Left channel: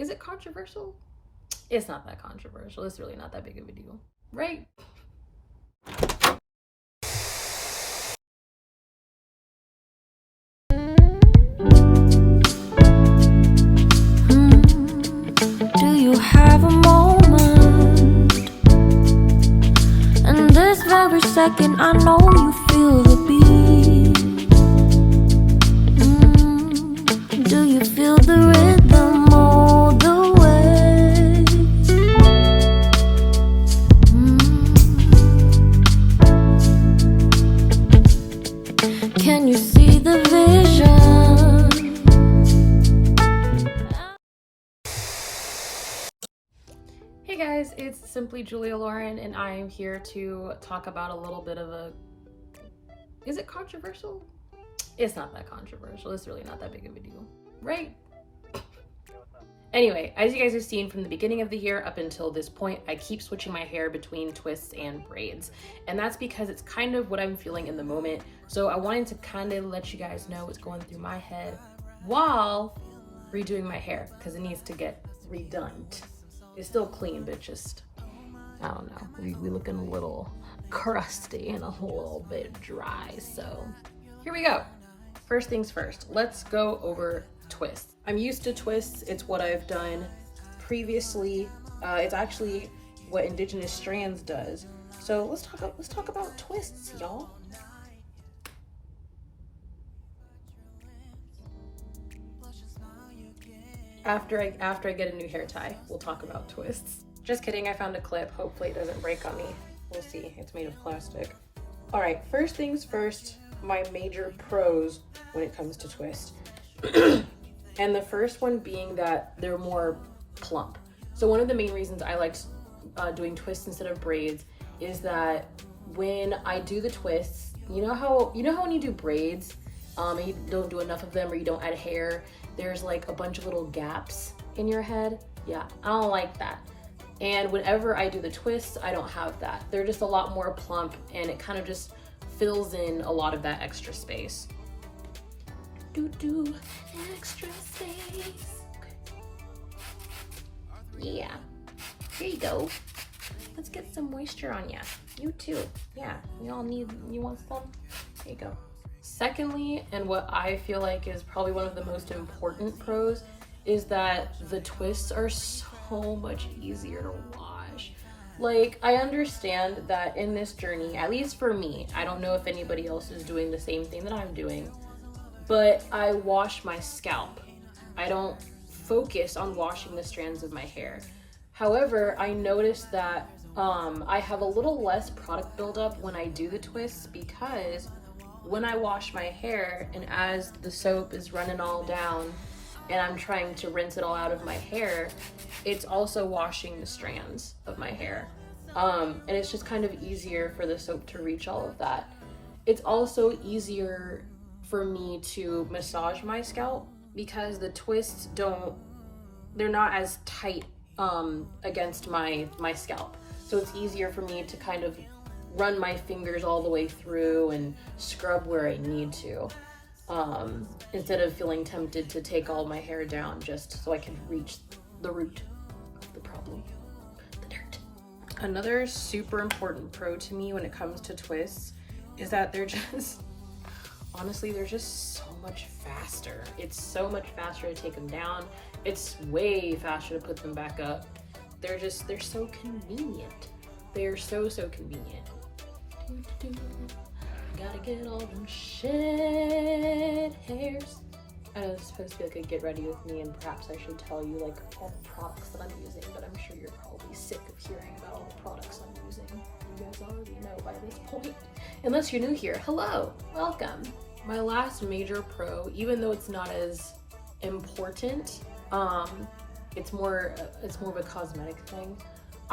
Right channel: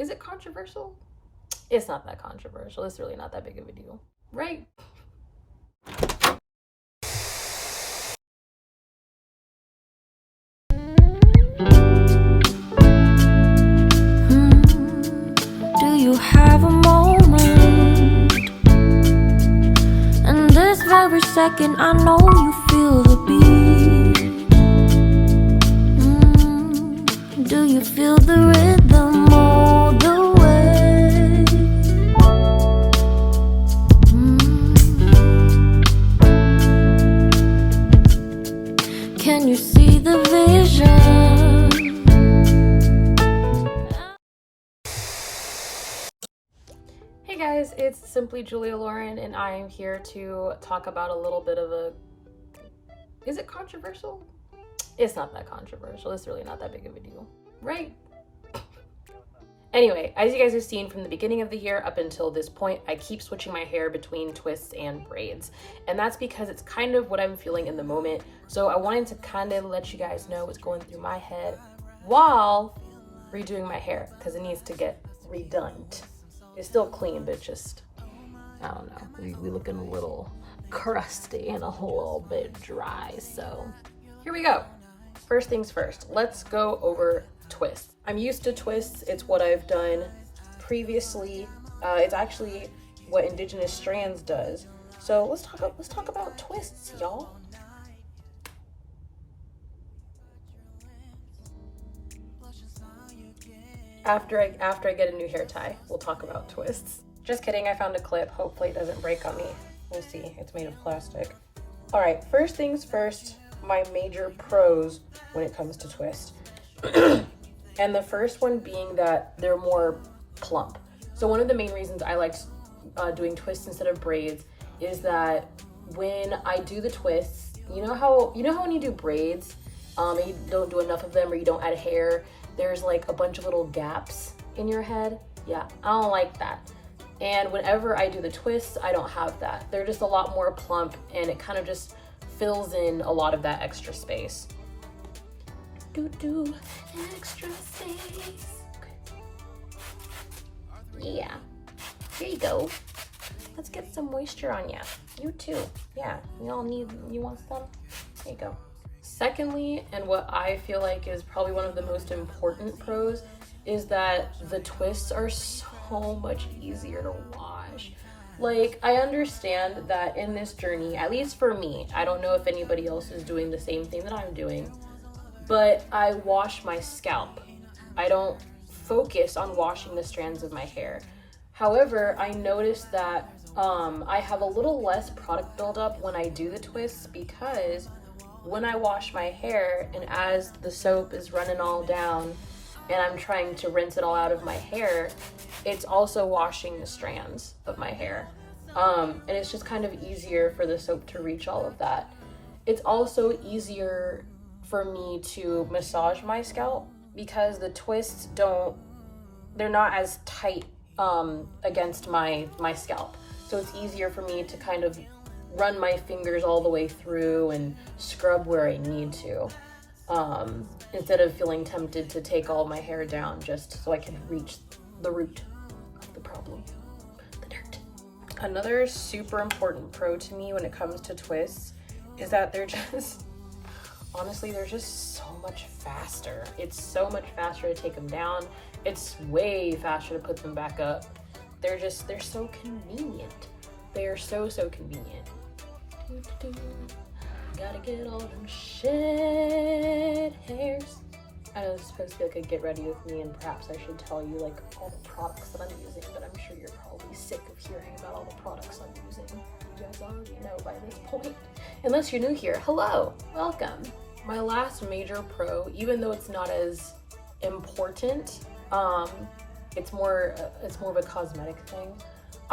Is it controversial? It's not that controversial. It's really not that big of a deal, right? Do you have a moment? And this very second, I know you feel the beat. Do you feel the rhythm all the way? Can you see the vision? Hey guys, it's Simply Julia Lauren, and I am here to talk about a little bit of a... Is it controversial? It's not that controversial. It's really not that big of a deal, right? Anyway, as you guys have seen from the beginning of the year up until this point, I keep switching my hair between twists and braids. And that's because it's kind of what I'm feeling in the moment. So I wanted to kind of let you guys know what's going through my head while redoing my hair, because it needs to get redone. It's still clean, but just, I don't know, we looking a little crusty and a little bit dry. So here we go. First things first, let's go over twists. I'm used to twists. It's what I've done previously. It's actually what Indigenous Strands does. So let's talk about twists, y'all. After I get a new hair tie, we'll talk about twists. Just kidding, I found a clip. Hopefully it doesn't break on me. We'll see, it's made of plastic. All right, first things first, my major pros when it comes to twist. And the first one being that they're more plump. So one of the main reasons I like doing twists instead of braids is that when I do the twists, you know how when you do braids, and you don't do enough of them or you don't add hair, there's like a bunch of little gaps in your head. Yeah, I don't like that. And whenever I do the twists, I don't have that. They're just a lot more plump, and it kind of just fills in a lot of that extra space. Extra space. Okay. Yeah, here you go. Let's get some moisture on ya. You too. Yeah, you want some? There you go. Secondly, and what I feel like is probably one of the most important pros, is that the twists are so much easier to wash. Like, I understand that in this journey, at least for me, I don't know if anybody else is doing the same thing that I'm doing, but I wash my scalp. I don't focus on washing the strands of my hair. However, I noticed that I have a little less product buildup when I do the twists, because when I wash my hair and as the soap is running all down and I'm trying to rinse it all out of my hair, it's also washing the strands of my hair. And it's just kind of easier for the soap to reach all of that. It's also easier for me to massage my scalp because the twists they're not as tight against my scalp. So it's easier for me to kind of run my fingers all the way through and scrub where I need to, instead of feeling tempted to take all my hair down just so I can reach the root of the problem, the dirt. Another super important pro to me when it comes to twists is that they're just, honestly, they're just so much faster. It's so much faster to take them down. It's way faster to put them back up. They're so convenient. They are so convenient. Gotta get all them shed hairs. I know this is supposed to be like a get ready with me, and perhaps I should tell you like all the products that I'm using, but I'm sure you're probably sick of hearing about all the products I'm using. You guys already know by this point. Unless you're new here, hello, welcome. My last major pro, even though it's not as important, it's more of a cosmetic thing.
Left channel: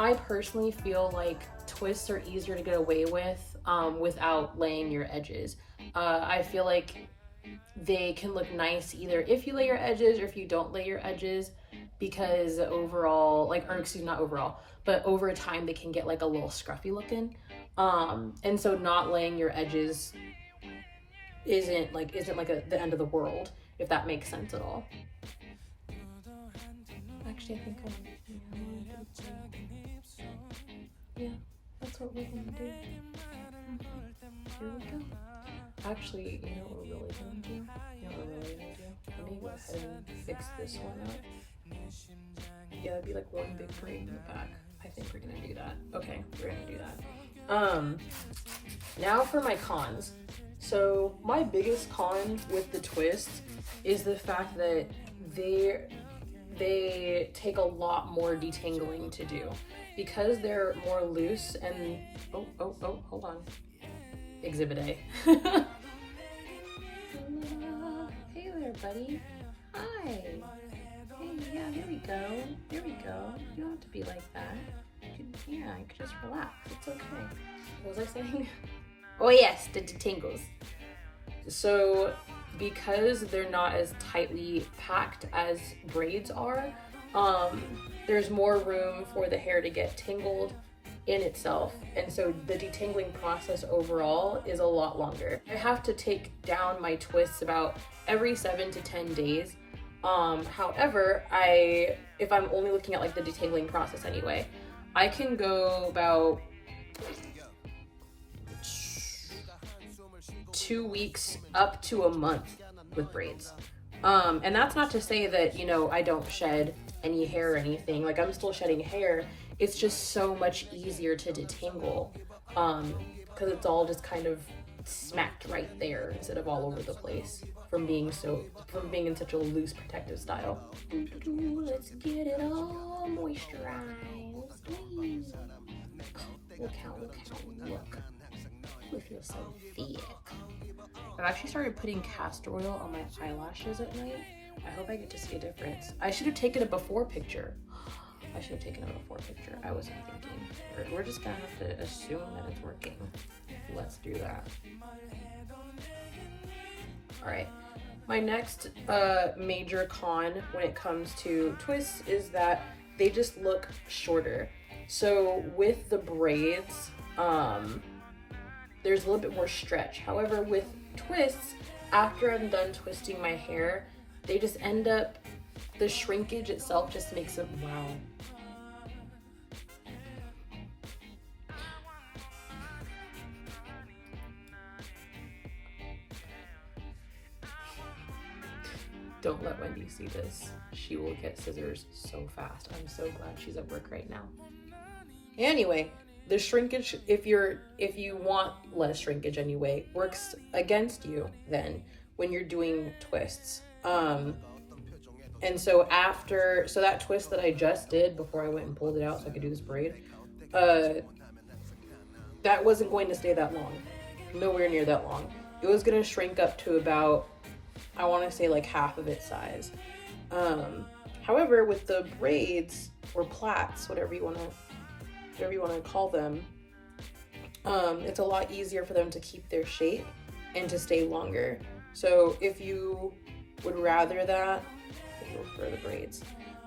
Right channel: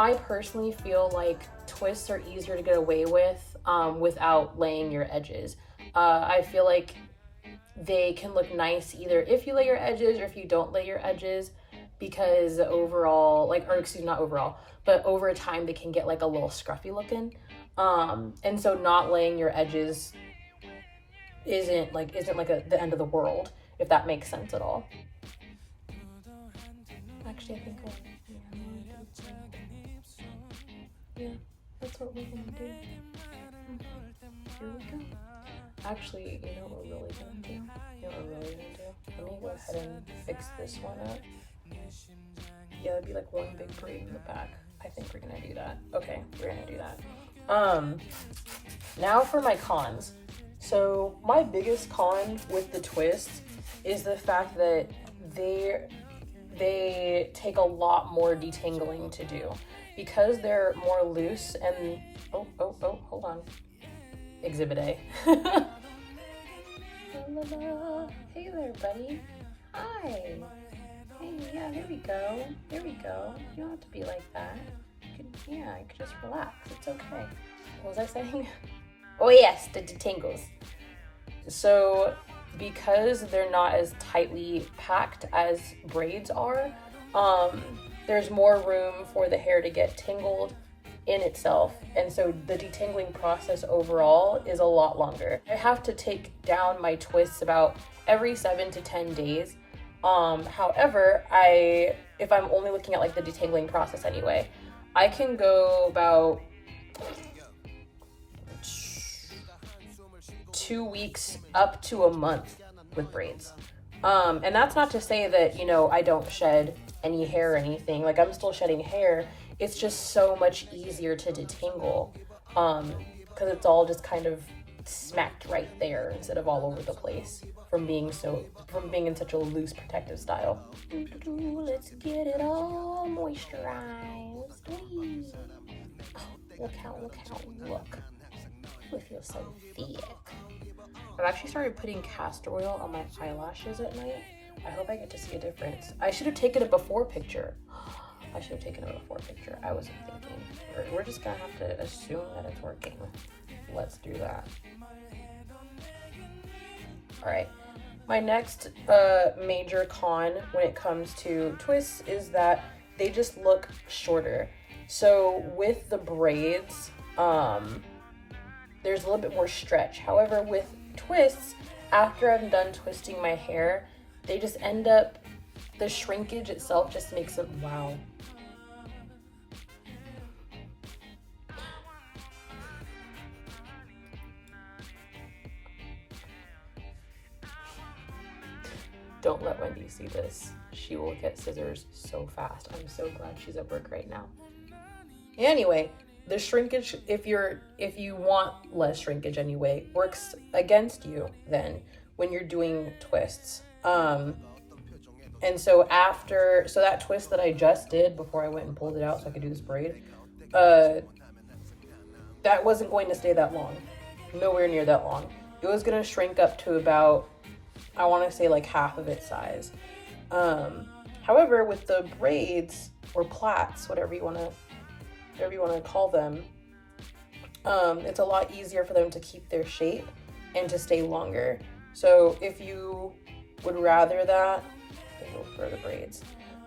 I personally feel like twists are easier to get away with without laying your edges. I feel like they can look nice either if you lay your edges or if you don't lay your edges, because overall, but over time they can get like a little scruffy looking. And so not laying your edges isn't like the end of the world, if that makes sense at all. Actually, I think I want to do yeah, that's what we're gonna do. Here we go. Actually, you know what we're really gonna do? You know what we're really gonna do? Let me go ahead and fix this one up. Yeah, that'd be like one big braid in the back. I think we're gonna do that. Okay, we're gonna do that. Now for my cons. So my biggest con with the twists is the fact that they take a lot more detangling to do because they're more loose and hold on. Exhibit A. Hey there, buddy. Hi. Hey, yeah, there we go. There we go. You don't have to be like that. You could just relax. It's okay. What was I saying? Oh yes, the detangles. So because they're not as tightly packed as braids are, there's more room for the hair to get tangled in itself, and so the detangling process overall is a lot longer. I have to take down my twists about every 7 to 10 days. However, if I'm only looking at like the detangling process anyway, I can go about 2 weeks up to a month with braids. And that's not to say that, you know, I don't shed any hair or anything. Like, I'm still shedding hair. It's just so much easier to detangle, because it's all just kind of smacked right there instead of all over the place from being in such a loose protective style. Let's get it all moisturized. Look how, look. We feel so thick. I've actually started putting castor oil on my eyelashes at night. I hope I get to see a difference. I should have taken a before picture. I wasn't thinking. We're just gonna have to assume that it's working. Let's do that. All right. My next major con when it comes to twists is that they just look shorter. So with the braids, there's a little bit more stretch. However, with twists, after I'm done twisting my hair, they just end up, the shrinkage itself just makes it, wow. Don't let Wendy see this. She will get scissors so fast. I'm so glad she's at work right now. Anyway, the shrinkage, if you want less shrinkage anyway, works against you then when you're doing twists. And so so that twist that I just did before I went and pulled it out so I could do this braid, that wasn't going to stay that long. Nowhere near that long. It was going to shrink up to about, I want to say like half of its size. However, with the braids or plaits, whatever you want to call them, it's a lot easier for them to keep their shape and to stay longer. So if you would rather that, then go for the braids.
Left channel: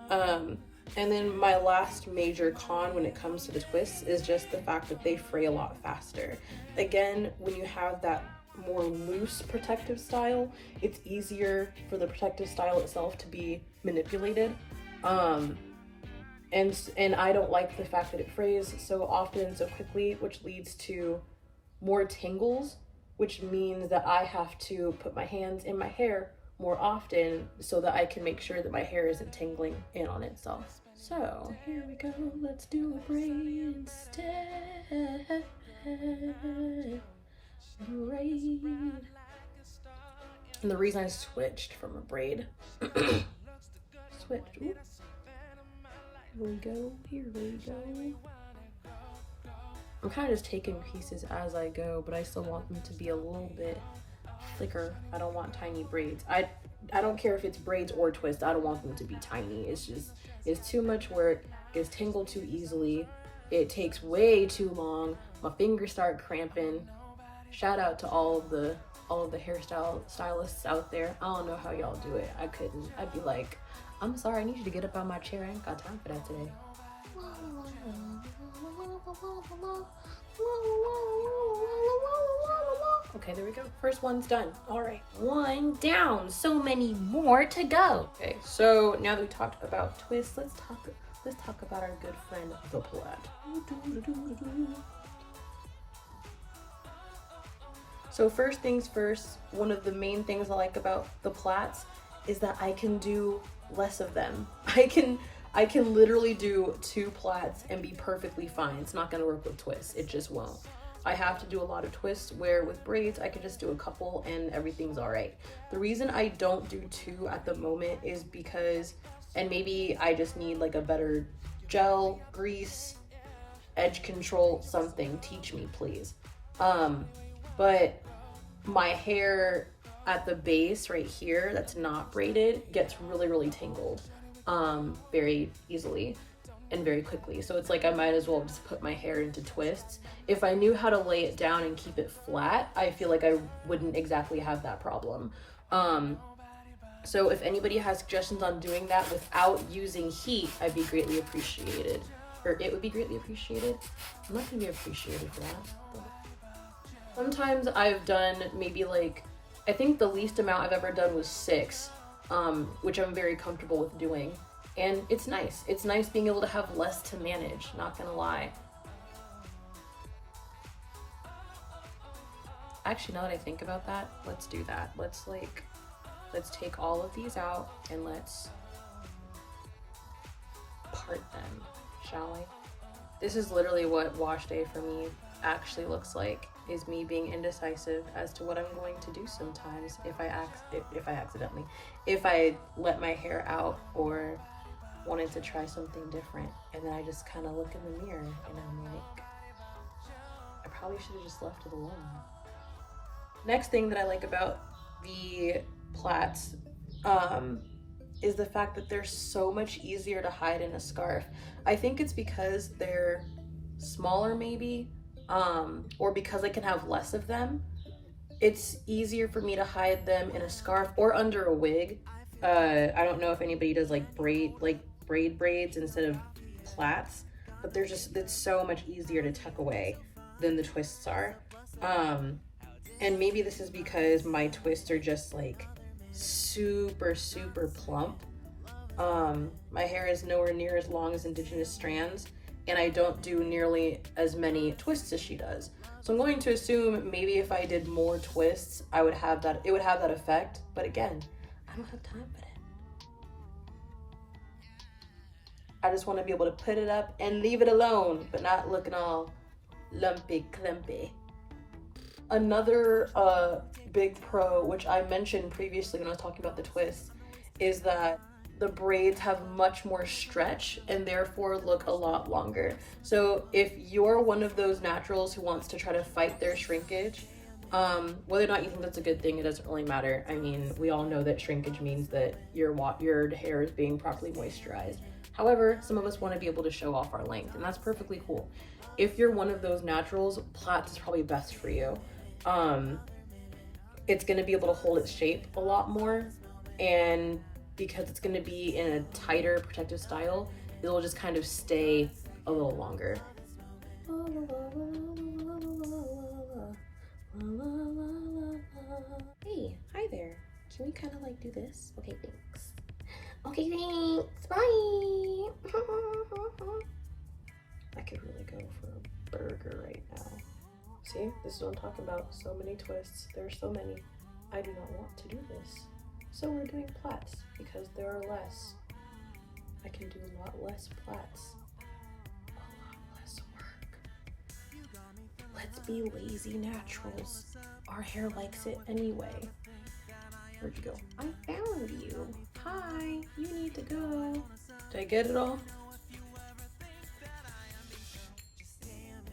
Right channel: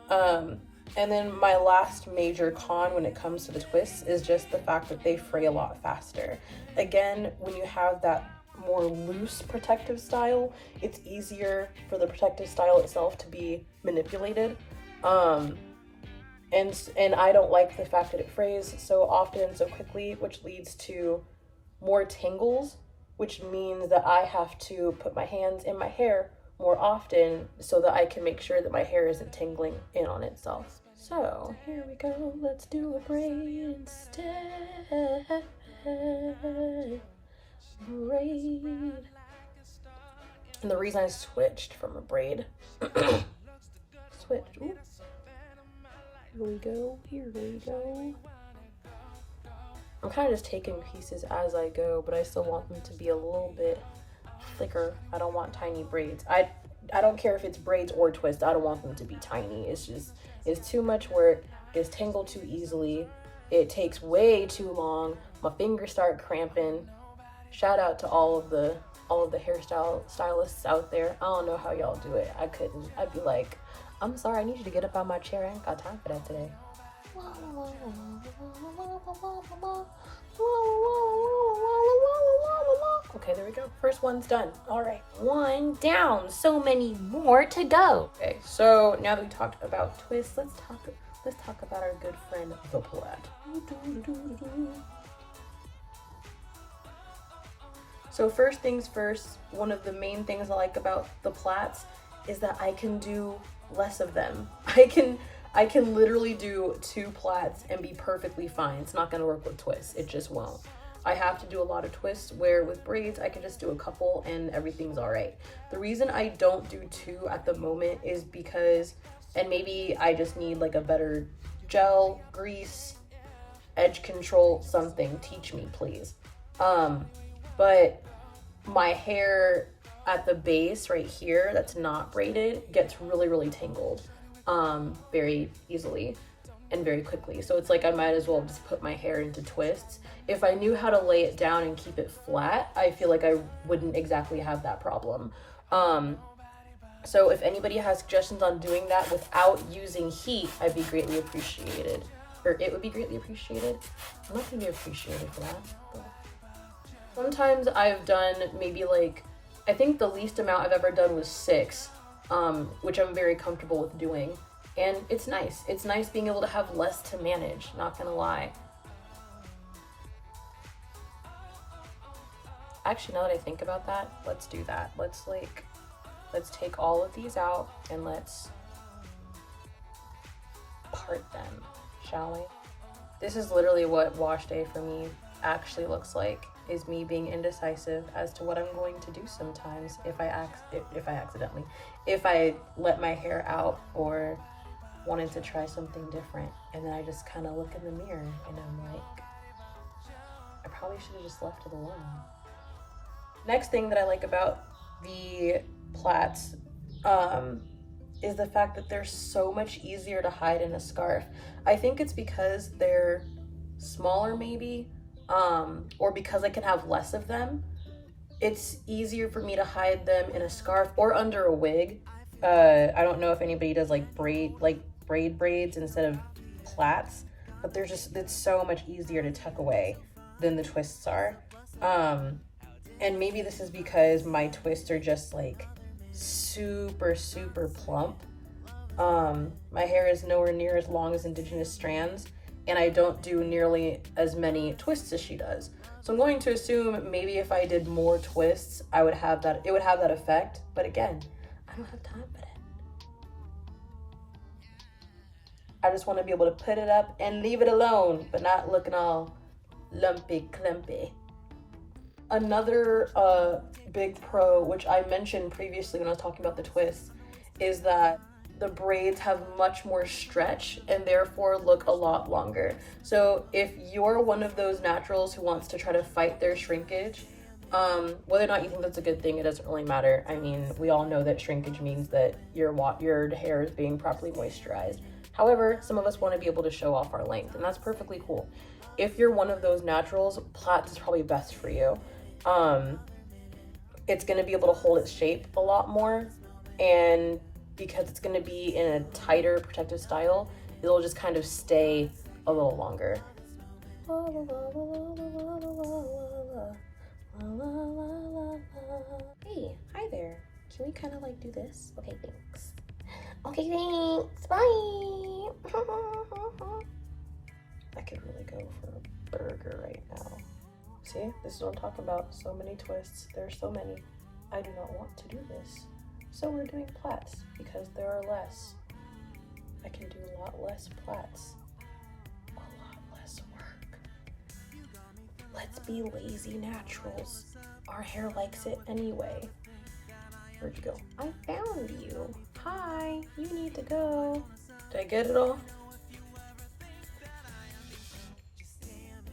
And then my last major con when it comes to the twists is just the fact that they fray a lot faster. Again, when you have that more loose protective style, it's easier for the protective style itself to be manipulated. And I don't like the fact that it frays so often, so quickly, which leads to more tangles, which means that I have to put my hands in my hair more often so that I can make sure that my hair isn't tangling in on itself. So here we go, let's do a braid instead. Braid. And the reason I switched from a braid, switched, ooh. Here we go. I'm kind of just taking pieces as I go, but I still want them to be a little bit thicker. I don't want tiny braids. I don't care if it's braids or twists. I don't want them to be tiny. It's too much work. It's tangled too easily. It takes way too long. My fingers start cramping. Shout out to all of the stylists out there. I don't know how y'all do it. I couldn't. I'd be like, I'm sorry, I need you to get up on my chair. I ain't got time for that today. Okay, there we go. First one's done. All right, one down. So many more to go. Okay, so now that we talked about twists, let's talk about our good friend the plaid. So first things first, one of the main things I like about the plaits is that I can do less of them. I can literally do 2 plaits and be perfectly fine. It's not gonna work with twists, it just won't. I have to do a lot of twists, where with braids, I can just do a couple and everything's all right. The reason I don't do 2 at the moment is because, and maybe I just need like a better gel, grease, edge control, something, teach me please. But my hair at the base right here that's not braided gets really tangled very easily and very quickly. So it's like I might as well just put my hair into twists. If I knew how to lay it down and keep it flat, I feel like I wouldn't exactly have that problem. So if anybody has suggestions on doing that without using heat, I'd be greatly appreciated. Or it would be greatly appreciated. I'm not gonna be appreciated for that. Sometimes I've done maybe like, I think the least amount I've ever done was 6, which I'm very comfortable with doing. And it's nice. It's nice being able to have less to manage, not gonna lie. Actually, now that I think about that, let's do that. Let's take all of these out and let's part them, shall we? This is literally what wash day for me actually looks like, is me being indecisive as to what I'm going to do sometimes if I let my hair out or wanted to try something different, and then I just kind of look in the mirror and I'm like, I probably should have just left it alone. Next thing that I like about the plaits is the fact that they're so much easier to hide in a scarf. I think it's because they're smaller maybe, or because I can have less of them. It's easier for me to hide them in a scarf or under a wig. I don't know if anybody does like braid braids instead of plaits, but it's so much easier to tuck away than the twists are. And maybe this is because my twists are just like super plump. My hair is nowhere near as long as indigenous strands, and I don't do nearly as many twists as she does. So I'm going to assume maybe if I did more twists, it would have that effect. But again, I don't have time for that. I just want to be able to put it up and leave it alone, but not looking all lumpy clumpy. Another big pro, which I mentioned previously when I was talking about the twists, is that the braids have much more stretch and therefore look a lot longer. So if you're one of those naturals who wants to try to fight their shrinkage, whether or not you think that's a good thing, it doesn't really matter. I mean, we all know that shrinkage means that your hair is being properly moisturized. However, some of us want to be able to show off our length, and that's perfectly cool. If you're one of those naturals, plaits is probably best for you. It's going to be able to hold its shape a lot more, and because it's going to be in a tighter protective style, it'll just kind of stay a little longer. Hey, hi there. Can we kind of like do this? Okay, thanks. Okay, thanks. Bye. I could really go for a burger right now. See, this is what I'm talking about. So many twists. There's so many. I do not want to do this. So we're doing plaits because there are less. I can do a lot less plaits. A lot less work. Let's be lazy naturals. Our hair likes it anyway. Where'd you go? I found you. Hi, you need to go. Did I get it all?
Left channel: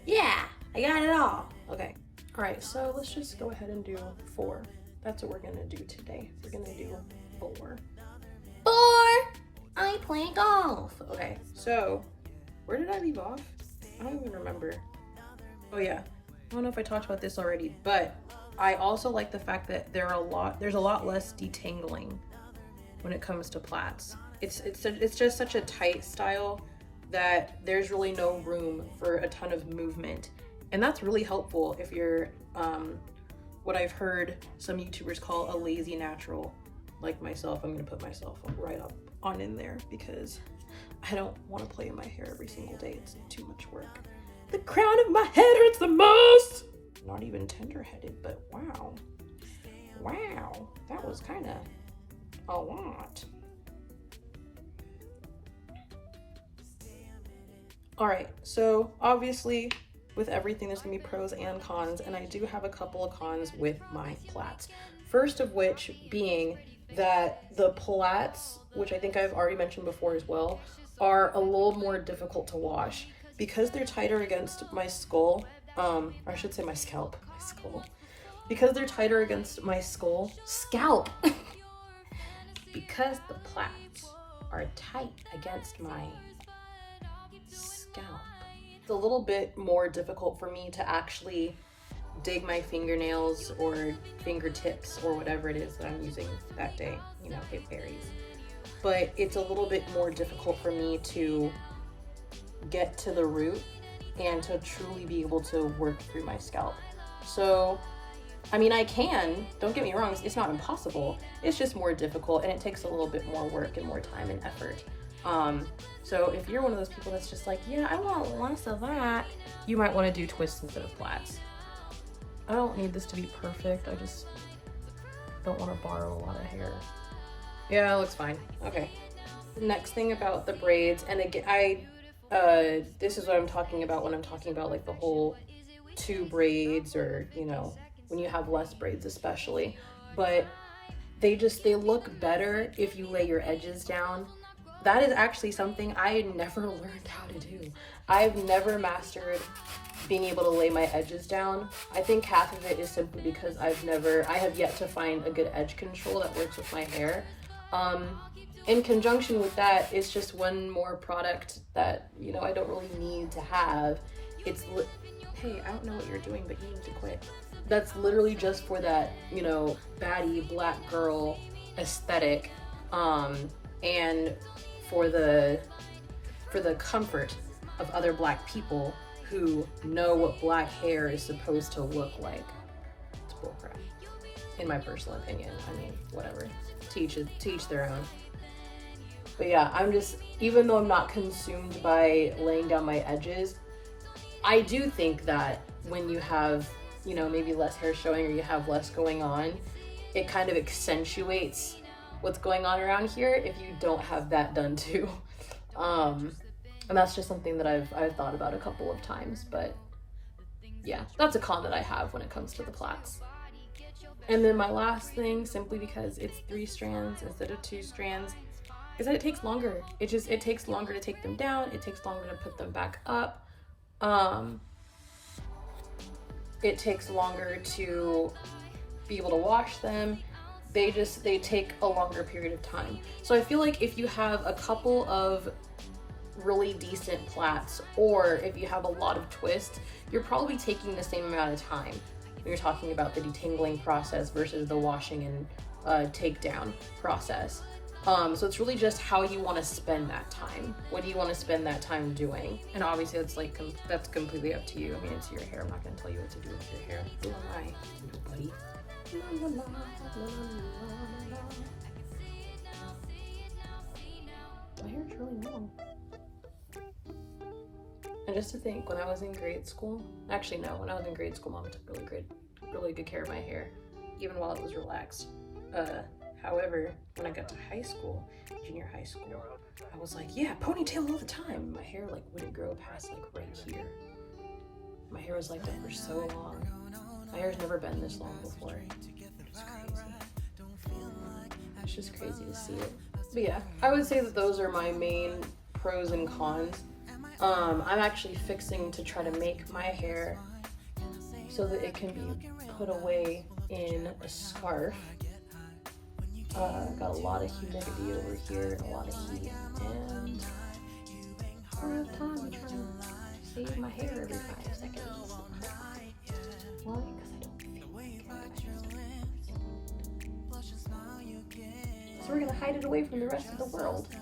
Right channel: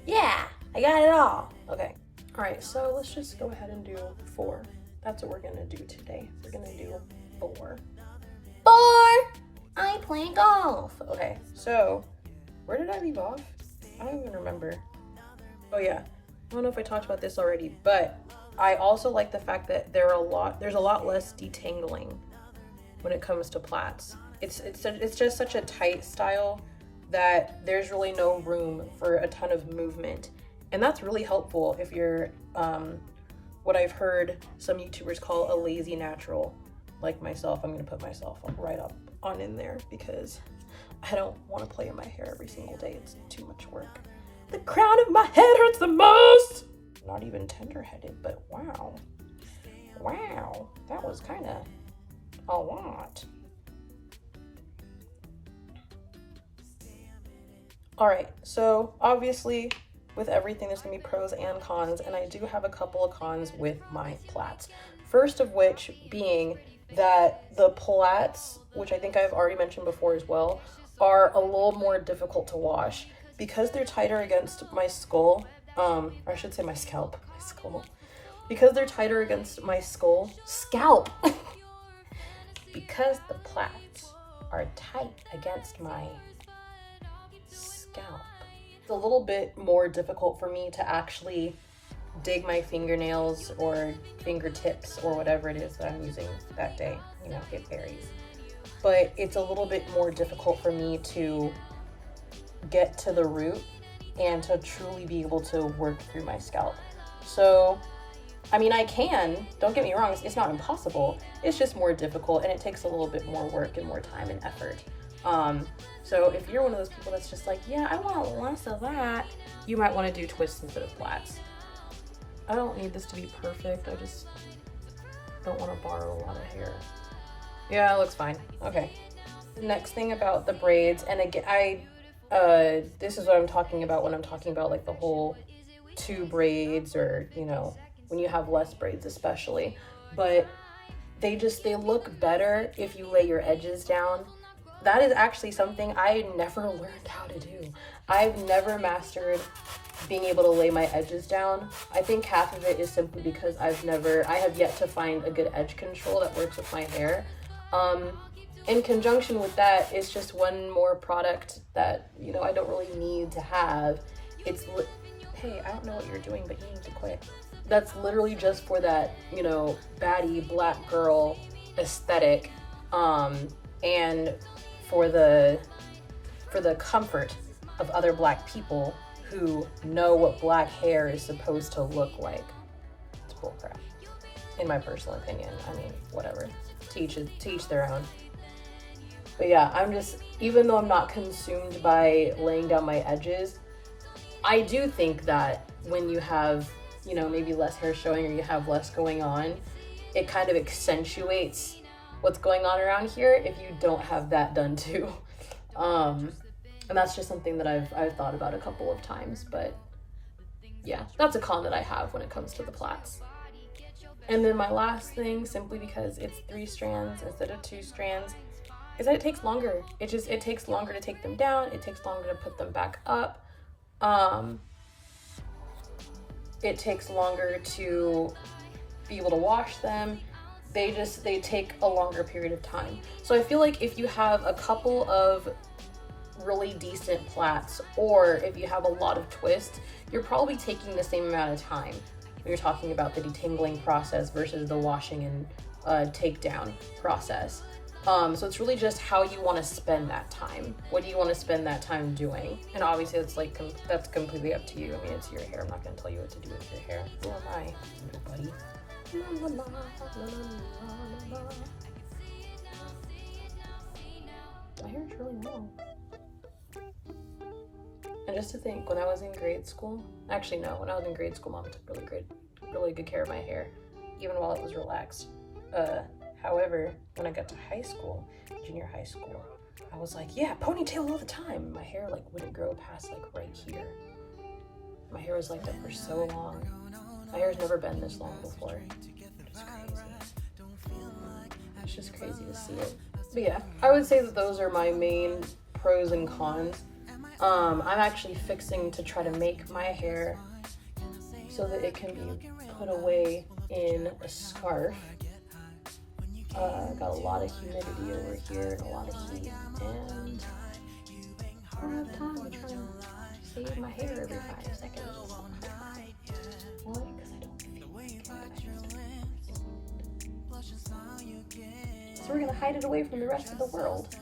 Yeah, I got it all. Okay. All right, so let's just go ahead and do 4. That's what we're gonna do today. We're gonna do 4. I play golf. Okay, so where did I leave off? I don't even remember. Oh yeah, I don't know if I talked about this already, but I also like the fact that there's a lot less detangling when it comes to plaits. It's just such a tight style that there's really no room for a ton of movement. And that's really helpful if you're what I've heard some YouTubers call a lazy natural, like myself. I'm gonna put myself right up on in there because I don't want to play in my hair every single day. It's too much work. The crown of my head hurts the most. Not even tender-headed, but wow. Wow, that was kind of a lot. All right, so obviously with everything, there's gonna be pros and cons, and I do have a couple of cons with my plaits. First of which being that the plaits, which I think I've already mentioned before as well, are a little more difficult to wash because they're tighter against my skull, or I should say my scalp, because they're tighter against my scalp, because the plaits are tight against my scalp. It's a little bit more difficult for me to actually dig my fingernails or fingertips or whatever it is that I'm using that day, you know, it varies. But it's a little bit more difficult for me to get to the root and to truly be able to work through my scalp. So, I mean, I can, don't get me wrong, it's not impossible. It's just more difficult and it takes a little bit more work and more time and effort. So if you're one of those people that's just like, yeah, I want less of that, you might want to do twists instead of plaits. I don't need this to be perfect. I just don't want to borrow a lot of hair. Yeah, it looks fine. Okay. The next thing about the braids, and again, this is what I'm talking about when I'm talking about like the whole 2 braids, or, you know, when you have less braids especially, but they look better if you lay your edges down. That is actually something I never learned how to do. I've never mastered being able to lay my edges down. I think half of it is simply because I have yet to find a good edge control that works with my hair. In conjunction with that, it's just one more product that, you know, I don't really need to have. Hey, I don't know what you're doing, but you need to quit. That's literally just for that, you know, baddie black girl aesthetic, and for the comfort of other black people who know what black hair is supposed to look like. It's bullcrap, in my personal opinion. I mean, whatever, to each their own. But yeah, I'm just, even though I'm not consumed by laying down my edges, I do think that when you have, you know, maybe less hair showing or you have less going on, it kind of accentuates what's going on around here if you don't have that done too. And that's just something that I've thought about a couple of times, but yeah, that's a con that I have when it comes to the plaits. And then my last thing, simply because it's 3 strands instead of 2 strands, is that it takes longer. It takes longer to take them down. It takes longer to put them back up. It takes longer to be able to wash them. They take a longer period of time. So I feel like if you have a couple of really decent plaits, or if you have a lot of twists, you're probably taking the same amount of time when you're talking about the detangling process versus the washing and takedown process. So it's really just how you want to spend that time. What do you want to spend that time doing? And obviously it's like, that's completely up to you. I mean, it's your hair. I'm not going to tell you what to do with your hair. Who am I? Nobody. La, la, la, la, la, la. My hair is really long. And just to think, when I was in grade school, actually no, when I was in grade school, Mom took really good care of my hair, even while it was relaxed. However, when I got to high school, junior high school, I was like, yeah, ponytail all the time. My hair like wouldn't grow past like right here. My hair was like that for so long. My hair's never been this long before. It's just crazy to see it. But yeah, I would say that those are my main pros and cons. I'm actually fixing to try to make my hair so that it can be put away in a scarf. Got a lot of humidity over here and a lot of heat, and I don't have time to try to save my hair every 5 seconds. Why? Because I don't feel like it. So we're gonna hide it away from the rest of the world,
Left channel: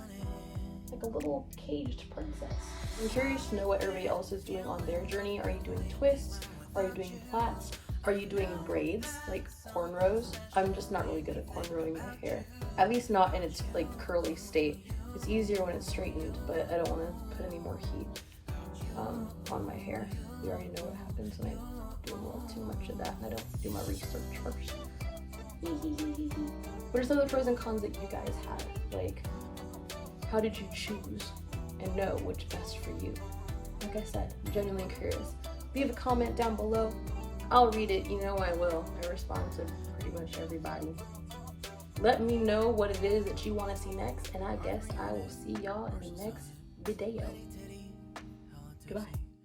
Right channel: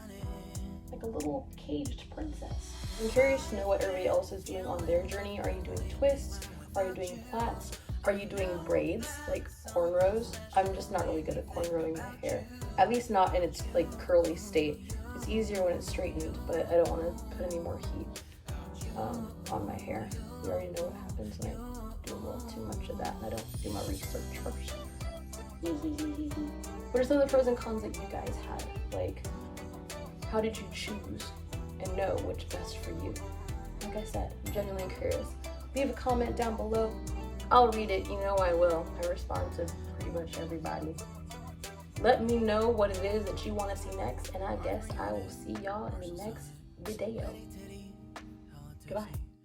like a little caged princess. I'm curious to know what everybody else is doing on their journey. Are you doing twists? Are you doing plaits? Are you doing braids, like cornrows? I'm just not really good at cornrowing my hair. At least not in its like curly state. It's easier when it's straightened, but I don't want to put any more heat on my hair. You already know what happens when I do a little too much of that and I don't do my research first. What are some of the pros and cons that you guys had? Like, how did you choose and know which best for you? Like I said, I'm genuinely curious. Leave a comment down below. I'll read it, you know I will. I respond to pretty much everybody. Let me know what it is that you want to see next, and I guess I will see y'all in the next video. Goodbye.